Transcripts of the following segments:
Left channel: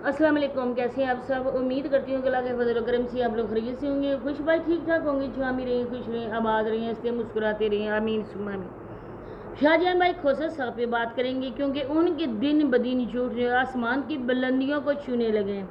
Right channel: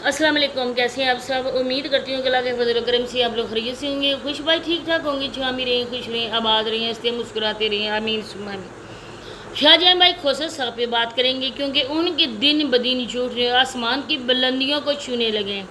अस्सलाम वालेकुम, कैसे हैं आप सब। उम्मीद करती हूँ कि अल्लाह के फजल व करम से आप लोग खैरियत से होंगे, खुश भाई ठीक ठाक होंगे, छामी रहें, खुश रहें, आबाद रहें, हंसते मुस्कुराते रहें, आमीन सुम्मा आमीन। शाहजहां भाई खोसर साहब पे बात करेंगे क्योंकि उनके दिन ब दिन झूठ आसमान की बुलंदियों को छूने लगे हैं।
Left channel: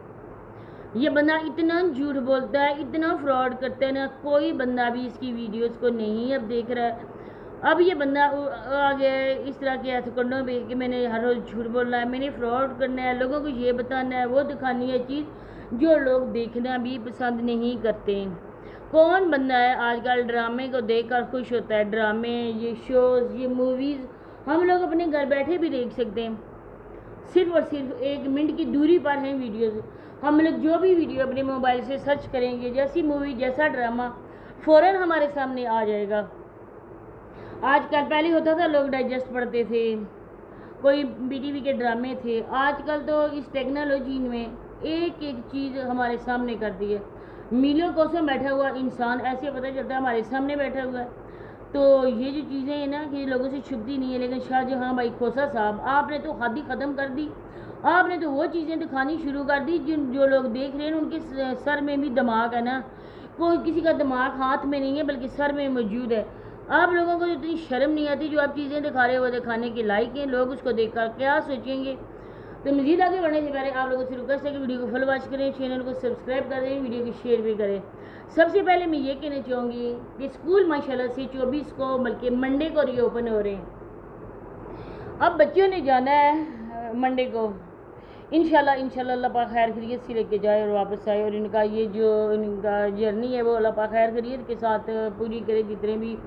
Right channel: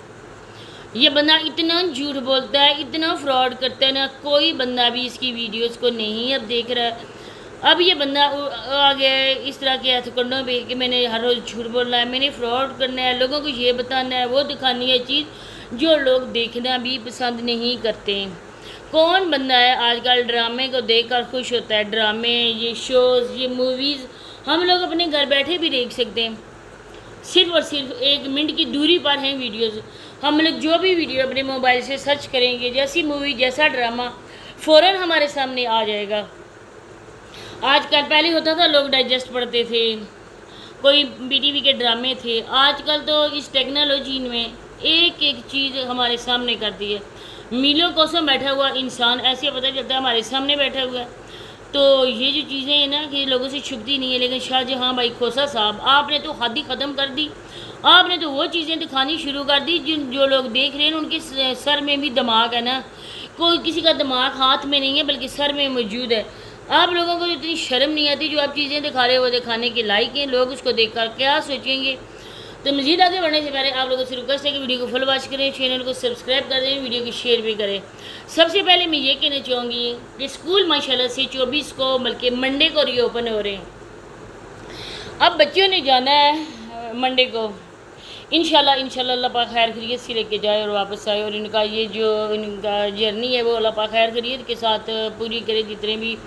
ये बंदा इतना झूठ बोलता है, इतना फ्रॉड करता है ना, कोई बंदा भी इसकी वीडियोस को नहीं अब देख रहा है। अब ये बंदा आ गया है इस तरह के हथकंडों पे कि मैंने हर रोज़ झूठ बोलना है, मैंने फ्रॉड करना है, लोगों को ये बताना है, वो दिखानी है चीज़ जो लोग देखना भी पसंद नहीं करते हैं। कौन बंदा है आजकल ड्रामे को देखकर खुश होता है। ड्रामे, ये शोज़, ये मूवीज़ हम लोग अपने घर बैठे भी देख सकते हैं। सिर्फ और सिर्फ 1 मिनट की दूरी पर हैं वीडियोज़। हम लोग जो भी वीडियो अपने मोबाइल से सर्च करेंगे, जैसी मूवी जैसा ड्रामा फ़ौरन हमारे सामने आ जाएगा। आजकल पहले होता था लोग डाइजेस्ट पढ़ते थे, कोई बीटीवी के ड्रामे थे। आजकल तो इस टेक्नोलॉजी में एक एक चीज़ हमारे सामने कर दी है। मीलों कोसों बैठा हुआ इंसान ऐसे पता चलता है हमारे सामने बैठा हुआ है। तो ये जो चीज़ें हैं ना कि लोगों से छुपती नहीं है, लेकिन शाहजहां भाई खोसा साहब आपने तो हद ही ख़त्म कर दी। आपने तो वो चीज़ें दिखानी शुरू कर दी जिन जो लोग देख रहे हैं उनके सर में भी दिमाग है ना। कोई किसी का दिमाग हाथ में नहीं है बल्कि सर में मौजूद है। आप लोगों को इतनी शर्म नहीं आती जो आप चीज़ें दिखा रहे हो वो दिखाने के लायक हैं। लोग उसको देखकर क्या सोचेंगे। तो मज़ीद आगे बढ़ने से पहले आप लोगों से रिक्वेस्ट है कि वीडियो को फुल वॉच करें, चैनल को सब्सक्राइब कर दें, वीडियो को शेयर भी करें। सबसे पहले मैं ये कहना चाहूँगी कि स्कूल माशाल्लाह से 24 को बल्कि मंडे को रीओपन हो रहे हैं। अब बच्चों ने जाना है मंडे को, इंशाल्लाह अल्लाह पाक खैर खैरियत से लेके जाए और वापस आए, और इनका ये जो इनका जर्नी है वो अल्लाह पाक खैर खैरियत के साथ पूरी करे। जितने भी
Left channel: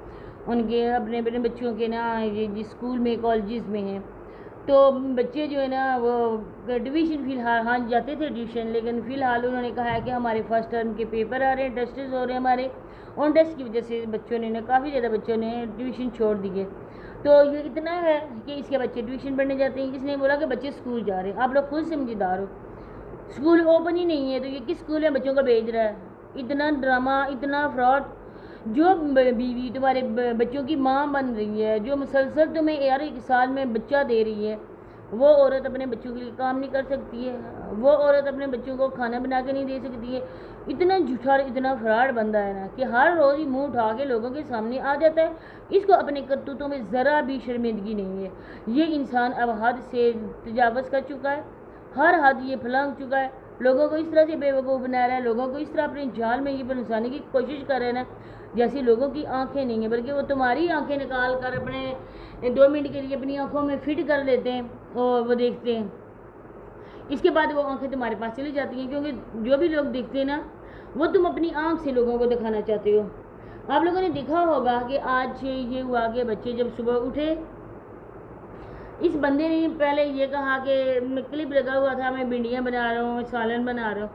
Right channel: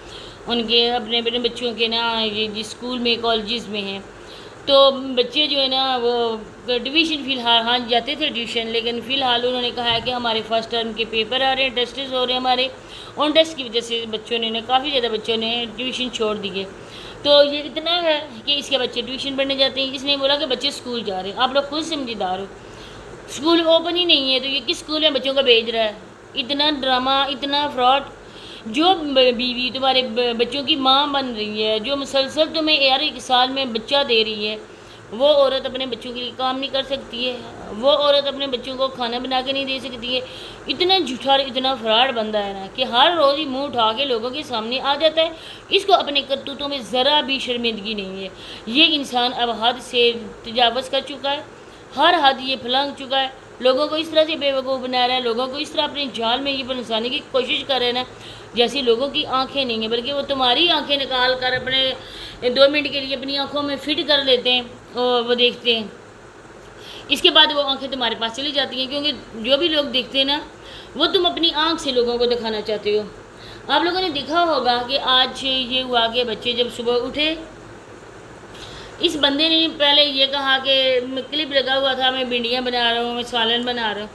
उनके अपने अपने बच्चों के ना ये जिस स्कूल में कॉलेजेस में हैं, तो बच्चे जो है ना वो ट्यूशन फ़िलहाल हाँ जाते थे ट्यूशन, लेकिन फ़िलहाल उन्होंने कहा है कि हमारे फर्स्ट टर्म के पेपर आ रहे हैं, टेस्ट हो रहे हैं हमारे, उन टेस्ट की वजह से बच्चों ने काफ़ी ज़्यादा बच्चों ने ट्यूशन छोड़ दिए। तो ये इतना है कि इसके बच्चे ट्यूशन पढ़ने जाते हैं। इसने बोला कि बच्चे स्कूल जा रहे हैं। आप लोग खुद समझदार हो, स्कूल ओपन ही नहीं है तो ये किस स्कूल में बच्चों को भेज रहा है। इतना ड्रामा, इतना फ्रॉड। जो बीवी तुम्हारे बच्चों की माँ बन रही है, जो मुसलसल तुम्हें यार 1 साल में बच्चा दे रही है, वो औरत अपने बच्चों के लिए काम नहीं कर सकती है। वो औरत अपने बच्चों को खाना बना के नहीं दे सकती है। इतना झूठा और इतना फ्रॉड बंदा है ना कि हर रोज़ ही मुंह उठा के लोगों के सामने आ जाता है। इसको अपने करतूतों में ज़रा भी शर्मिंदगी नहीं है। ये इंसान अब हद से तजावज़ कर चुका है, हर हद ये फलांग चुका है। लोगों को इस तरह से बेवकूफ़ बना रहा है, लोगों को इस तरह अपने जाल में ये फंसाने की कोशिश कर रहे हैं ना जैसी लोगों की आंखें नहीं है, बल्कि वो तुम्हारी आंखें निकाल कर अपने 2 मिनट के लिए अपनी आंखों में फिट कर लेते हैं और वो देखते हैं। इसके बाद वो आंखें तुम्हारे पास चली जाती हैं, क्योंकि जो भी लोग देखते हैं ना वो तुम अपनी आंख से लोगों को दिखाना चाहते हो। आप लोगों ने देखा होगा कि आज ये हुआ कि बच्चे जब सुबह उठे, इस बंदे ने पहले ये कहा कि क्लिप लगा हुआ था मैं भिंडियाँ बना रहा हूँ, मैं सालन बना रहा हूँ।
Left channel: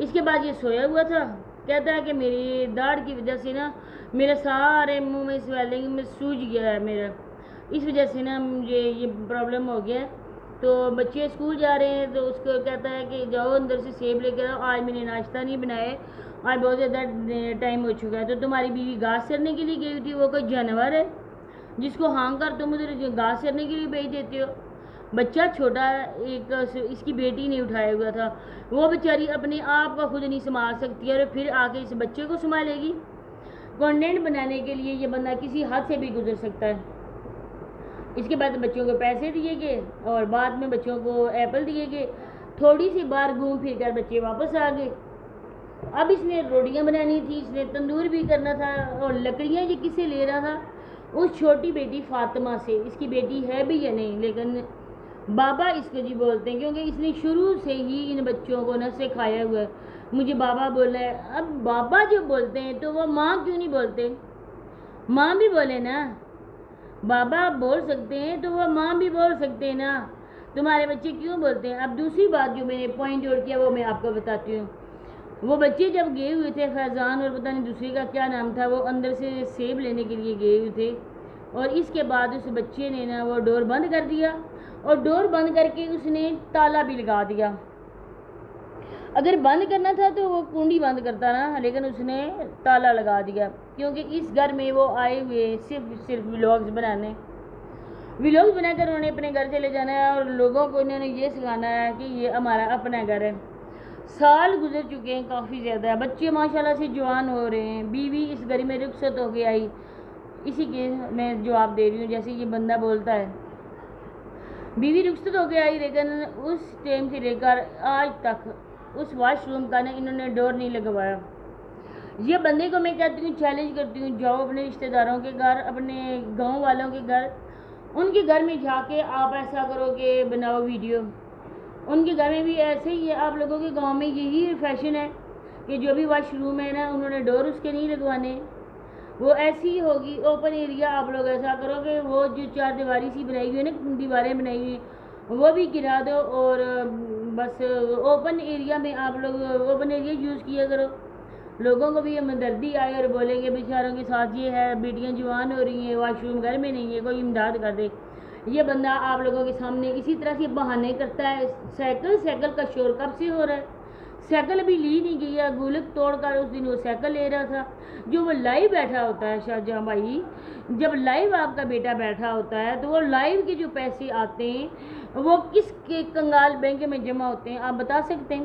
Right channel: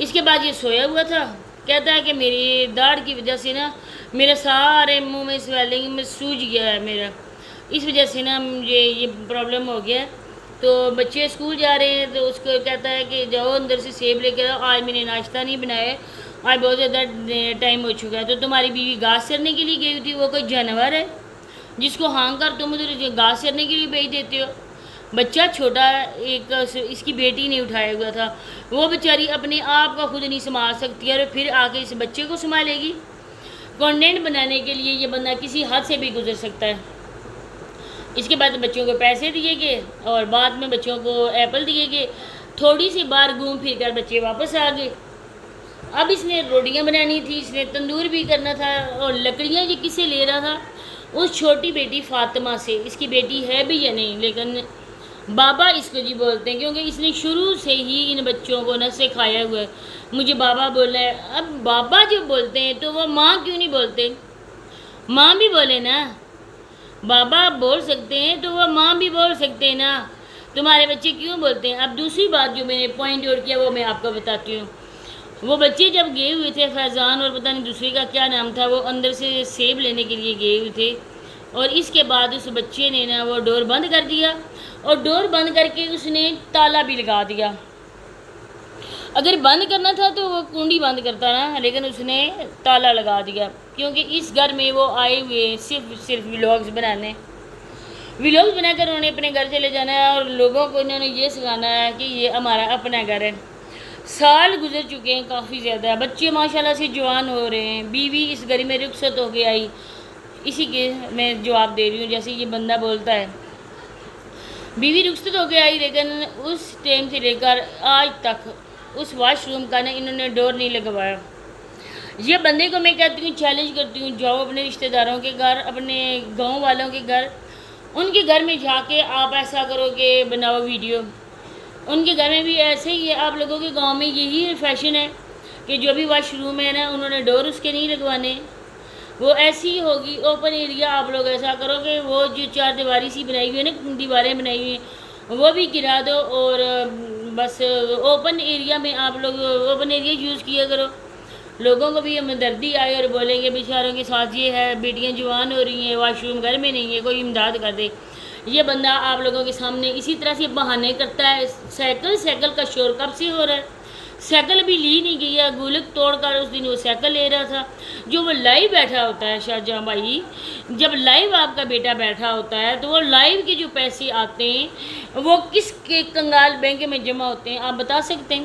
इसके बाद ये सोया हुआ था, कहता है कि मेरी दाढ़ की वजह से ना मेरे सारे मुंह में स्वेलिंग में सूज गया है मेरा, इस वजह से ना मुझे ये प्रॉब्लम हो गया है। तो बच्चे स्कूल जा रहे हैं तो उसको कहता है कि जाओ अंदर से सेब लेकर आओ, आज मैंने नाश्ता नहीं बनाया, आज बहुत ज़्यादा टाइम हो चुका है। तो तुम्हारी बीवी घास चरने के लिए गई थी, वो कोई जानवर है जिसको हाँग कर तुम उधर घास चरने के लिए भेज देते हो। बच्चा छोटा, एक इसकी बेटी ने उठाया हुआ था, वो बेचारी अपने आप को खुद नहीं संभाल सकती है और फिर आके इस बच्चे को संभालेगी। कंटेंट बनाने के लिए ये बंदा किसी हद से भी गुजर सकता है। इसके बाद बच्चों को पैसे दिए गए और बाद में बच्चों को एप्पल दिए गए, थोड़ी सी बार घूम फिर कर बच्चे वापस आ गए। अब इसने रोटियां बनानी थी, इसने तंदूर भी करना था, और लकड़ियाँ ये किससे ले रहा था? उस छोटी बेटी फातिमा से। इसकी बेटी है भी या नहीं, लेकिन बाबा इसको जी बोलते हैं, क्योंकि इसने शुरू से ही इन बच्चों को न सिखाया हुआ है मुझे बाबा बोला है। अब बाबा जो बोलते हैं तो वो माँ क्यों नहीं बोलते? माँ भी बोले ना, बाबा बोल सकते हैं तो वह माँ भी बोल सकते हैं ना। तुम्हारे बच्चे क्यों बोलते हैं? अब दूसरी बात जो मैंने पॉइंट आउट किया वो मैं आपको बताती हूँ। वो बच्चे जब गए हुए थे, फैज़ान और पता नहीं दूसरे का क्या नाम था, वो अंदर से सेब लेने के लिए गए हुए थे, और इसके बाद उस बच्चे ने ना वो डोर बंद कर दिया, और डोर बंद करके उसने ताला भी लगा दिया। अगर बंद करना था तो वो कुंडी बंद करता ना, लेकिन उसने ताला लगा दिया, क्योंकि इस घर में वो आए हुए सिर्फ व्लॉग्स बनाने। ویلوگز بنا کر انہوں نے اپنے گھر چلے جانا ہے اور لوگوں کو انہوں نے یہ سکھانا ہے کہ یہ ہمارا اپنا گھر ہے۔ سال گزر چکے ہیں کافی زیادہ، بچے ماشاءاللہ سے جوان ہو رہے ہیں، بیوی اس گھر میں رخصت ہو کے آئی، اسی کے میں جواب دے رہی ہوں جیسے یہ بندہ بولتا ہے، بیوی رخصت ہو کے آئی، لیکن اس ٹائم سے لے کر آج تک اس واش روم کا انہوں نے ڈور نہیں لگوایا۔ یہ بندے کو میں کہتی ہوں، چیلنج کرتی ہوں، جاؤ اپنے رشتہ داروں کے گھر، اپنے گاؤں والوں کے گھر، ان کے گھر میں جا کے آپ ایسا کرو کہ بناؤ ویڈیو، ان کے گھر میں بھی ایسے ہی ہے۔ آپ لوگوں کے گاؤں میں یہی فیشن ہے کہ جو بھی واش روم ہے نا انہوں نے ڈور اس کے نہیں لگوانے، وہ ایسی ہی ہوگی اوپن ایریا۔ آپ لوگ ایسا کرو کہ وہ جو چار دیواری سی بنائی ہوئی ہے نا، دیواریں بنائی ہوئی ہیں، وہ بھی گرا دو اور بس اوپن ایریا میں آپ لوگ اوپن ایریا یوز کیا کرو۔ لوگوں کو بھی ہمدردی آئے اور بولیں گے بیچاروں کے ساتھ یہ ہے، بیٹیاں جوان ہو رہی ہیں، واش روم گھر میں نہیں ہے، کوئی امداد کر دے۔ یہ بندہ آپ لوگوں کے سامنے اسی طرح سے بہانے کرتا ہے۔ سائیکل کا شور کب سے ہو رہا ہے؟ سائیکل بھی لی نہیں گئی ہے، گولک توڑ کر اس دن وہ سائیکل لے رہا تھا۔ جو وہ لائیو بیٹھا ہوتا ہے شاہ جہاں بھائی، جب لائیو آپ کا بیٹا بیٹھا ہوتا ہے تو وہ لائیو کے جو پیسے آتے ہیں وہ کس کے کنگال بینک میں جمع ہوتے ہیں آپ بتا سکتے ہیں؟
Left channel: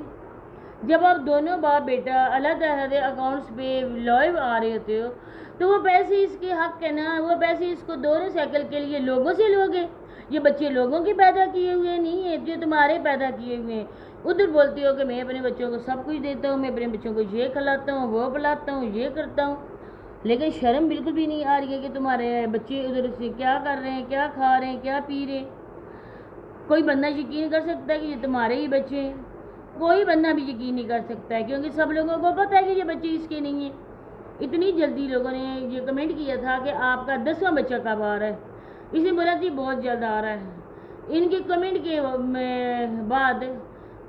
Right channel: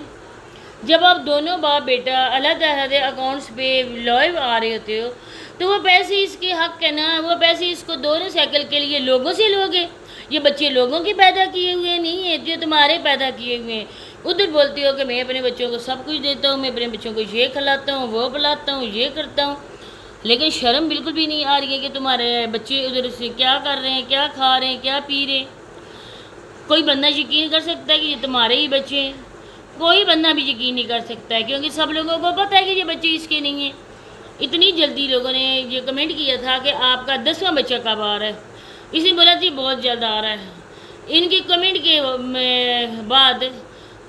جب آپ دونوں باپ بیٹا علیحدہ علیحدہ اکاؤنٹس پہ لائیو آ رہے ہوتے ہو تو وہ پیسے اس کے حق ہے نا، وہ پیسے اس کو دونوں سائیکل کے لیے لوگوں سے لوگے۔ یہ بچے لوگوں کے پیدا کیے ہوئے نہیں ہیں، جو تمہارے پیدا کیے ہوئے ہیں۔ ادھر بولتی ہو کہ میں اپنے بچوں کو سب کچھ دیتا ہوں، میں اپنے بچوں کو یہ کھلاتا ہوں، وہ پلاتا ہوں، یہ کرتا ہوں، لیکن شرم بالکل بھی نہیں آ رہی ہے کہ تمہارے بچے ادھر سے کیا کر رہے ہیں، کیا کھا رہے ہیں، کیا پی رہے ہیں۔ کوئی بندہ یقین کر سکتا ہے کہ یہ تمہارے ہی بچے ہیں؟ کوئی بندہ بھی یقین نہیں کر سکتا ہے، کیونکہ سب لوگوں کو پتہ ہے کہ یہ بچے اس کے نہیں ہیں۔ اتنی جلدی لوگوں نے یہ کمنٹ کیا تھا کہ آپ کا 10واں بچہ کب آ رہا ہے؟ اس نے بولا تھی بہت جلد آ رہا ہے۔ ان کے کمنٹ کے بعد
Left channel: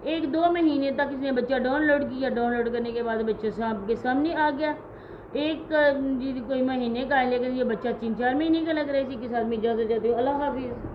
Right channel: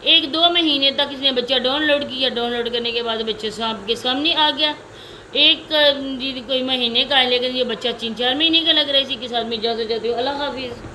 1-2 مہینے تک اس نے بچہ ڈاؤن لوڈ کیا، ڈاؤن لوڈ کرنے کے بعد بچے آپ کے سامنے آ گیا۔ کوئی مہینے کا ہے لیکن یہ بچہ 3-4 مہینے کا لگ رہا ہے۔ اسی کے ساتھ میں اجازت چاہتی ہوں، اللہ حافظ۔